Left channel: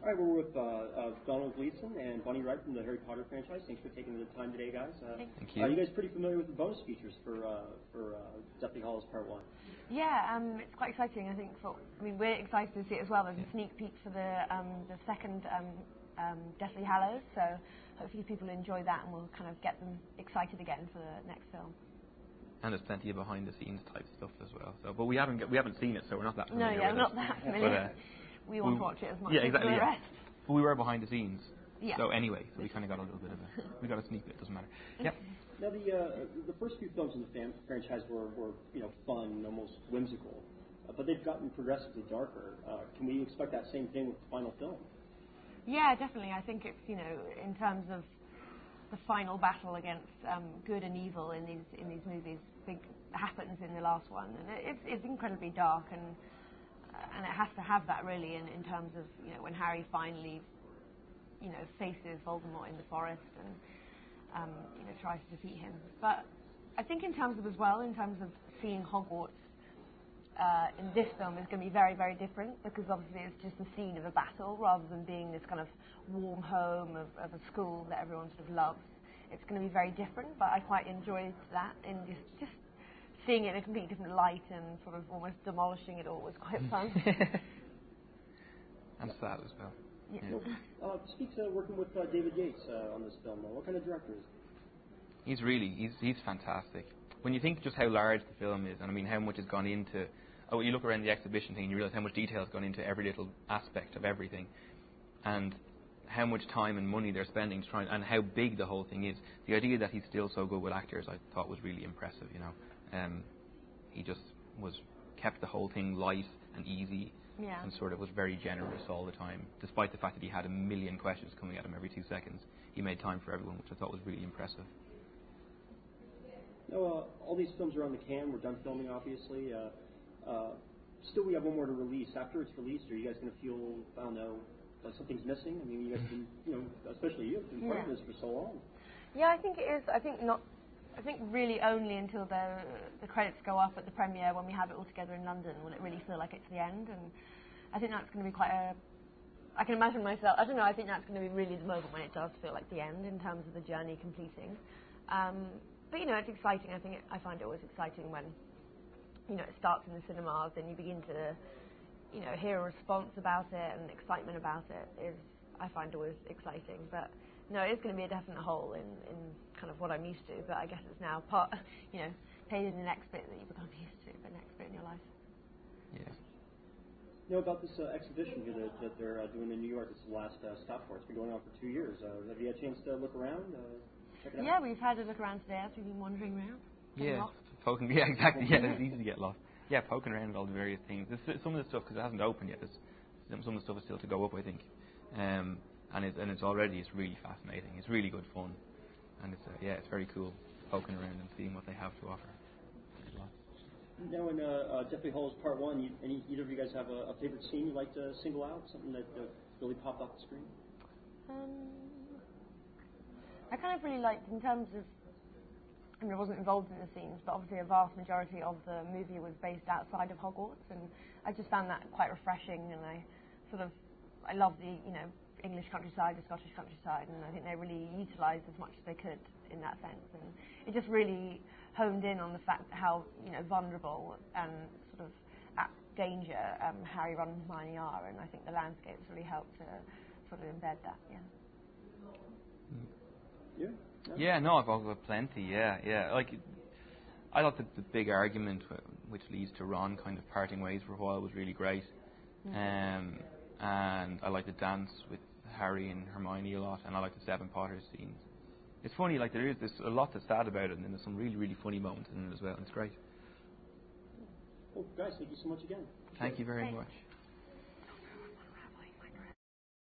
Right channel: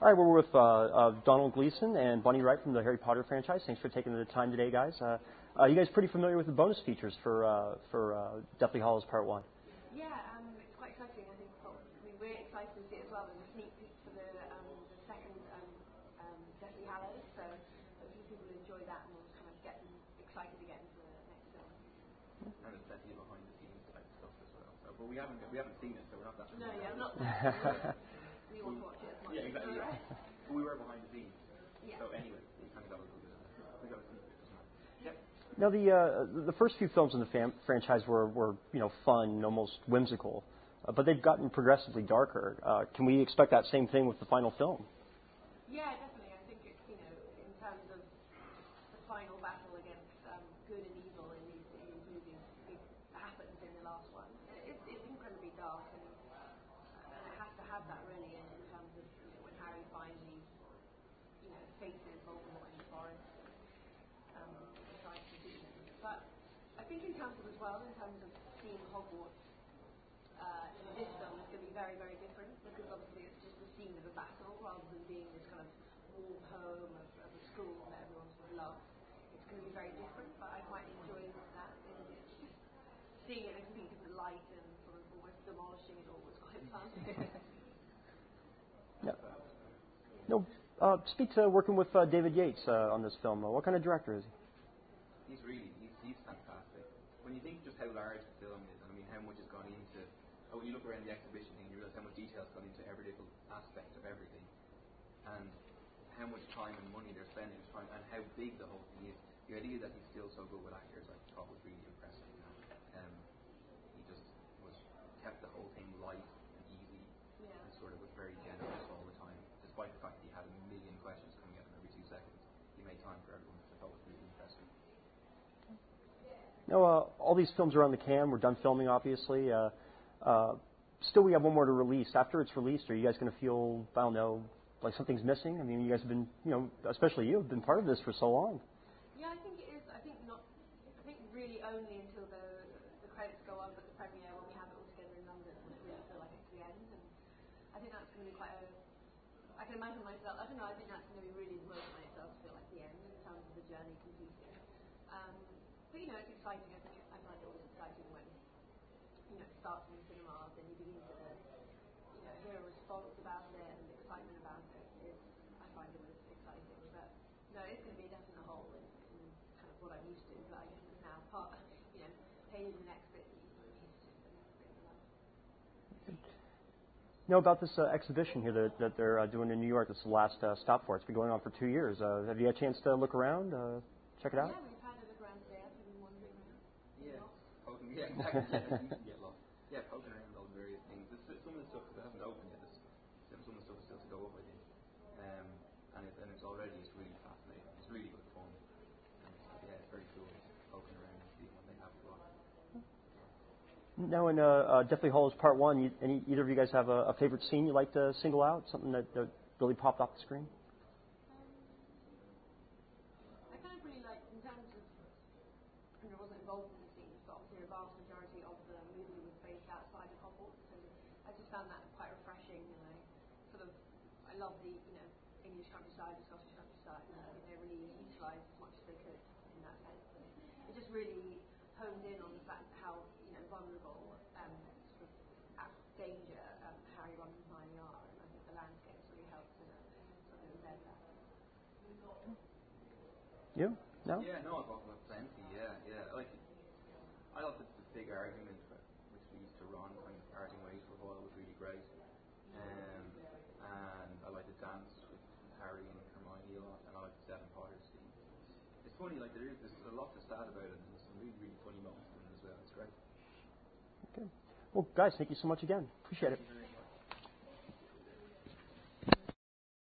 All right, we're with Domhnall Gleeson and Wright from the Harry Potter franchise. Thanks for taking the time today, guys. Thank you. You guys pretty familiar with the bonus features for Deathly Hallows Part 1? Yeah, it's quite exciting. I think we're excited to see it as well. There's a sneak peek for the second Deathly Hallows, so hopefully people enjoy that and we'll kind of get them excited again for the next film. And there's plenty of behind the scenes type stuff as well. So, but we haven't seen it, so we're not that familiar. No, yeah, with not it. that familiar. We want to watch it as much as the rest. But we were behind the scenes. Yeah. So anyway, so we kind of got a little bit of we got a sneak bit. Doesn't matter. Yep. Now the first few films in the franchise were fun, almost whimsical, but they've gotten progressively darker. Can we expect that same thing with the final film? Yeah, definitely. I think it's in terms of the final battle against good and evil in these movies, happens in the last one, and it's incredibly dark and it has to have that really in terms of when Harry finally faces Voldemort in the forest and tries to defeat him. But I think in terms of seeing Hogwarts in this film is going to be very, very different, because obviously it's just the scene of a battle rather than being this kind of warm home of a school that everyone sort of loves. It's going to be very different, but I quite enjoyed that in just seeing it in a completely different light and sort of almost demolishing it all was quite fun. And sad as well. Yeah. Speak to working with David Yates on this film. What kind of director is he? He's fantastic. When you think just how large the film is, and I mean how much has gone into, you look around the exhibition thing and you realise how much detail has gone into every little aspect of everything, and how much time and money they're spending to try and how big the whole thing is. The idea that he's still so good with actors, I thought was really impressive. He just kept the whole thing light and easy. Yeah. And sort of was very generous all the time, despite the fact that he had a million questions coming at him every 2 seconds. He made time for everyone, which I thought was really impressive. Now, all these films are on the cam. We're done filming, obviously. Still, we have one more to release. After it's released, are you guys going to feel, I don't know, like something's missing? I mean, you guys have been, especially you, have been part of this for so long. Yeah, I think it is. I think really only until the credits go up at the premiere, when we have it all together in London, will it really feel like it's the end. And I think that's going to be I can imagine myself, I don't know, I think that's going to be really the moment when it does feel like the end in terms of the journey completing. But it's exciting. I find it always exciting when it starts in the cinemas and you begin to hear a response about it and excitement about it. I find always exciting. But no, it is going to be a definite hole in kind of what I'm used to, but I guess it's now paid in the next bit that you become used to, the next bit in your life. Yeah. About this exhibition here that they're doing in New York. This is the last stop for it. It's been going on for 2 years. Have you had a chance to look around, check it out? Yeah, we've had a look around today as we've been wandering around. Yeah, exactly. Yeah, it's easy to get lost. Yeah, poking around at all the various things. Some of the stuff, because it hasn't opened yet, some of the stuff is still to go up, I think. And it's really fascinating. It's really good fun, and it's very cool poking around and seeing what they have to offer. Now, in Deathly Hallows Part 1, either of you guys have a favorite scene you'd like to single out? Something that really popped off the screen? I kind of really liked, in terms of, I wasn't involved in the scenes, but obviously a vast majority of the movie was based outside of Hogwarts, and I just found that quite refreshing, and I love the English countryside, the Scottish countryside, and I think they really utilised as much as they could in that sense, and it just really honed in on the fact how vulnerable and sort of at danger Harry, Ron and Hermione are, and I think the landscapes really helped to sort of embed that. You? No? Yeah, no, I've got plenty. Yeah. I thought the big argument which leads to Ron kind of parting ways for a while was really great. And I like the dance with Harry and Hermione a lot, and I like the Seven Potters scenes. It's funny, there's a lot that's sad about it, and then there's some really, really funny moments in it as well. It's great. Okay. Well, guys, thank you so much again. Appreciate it. Thank you very much.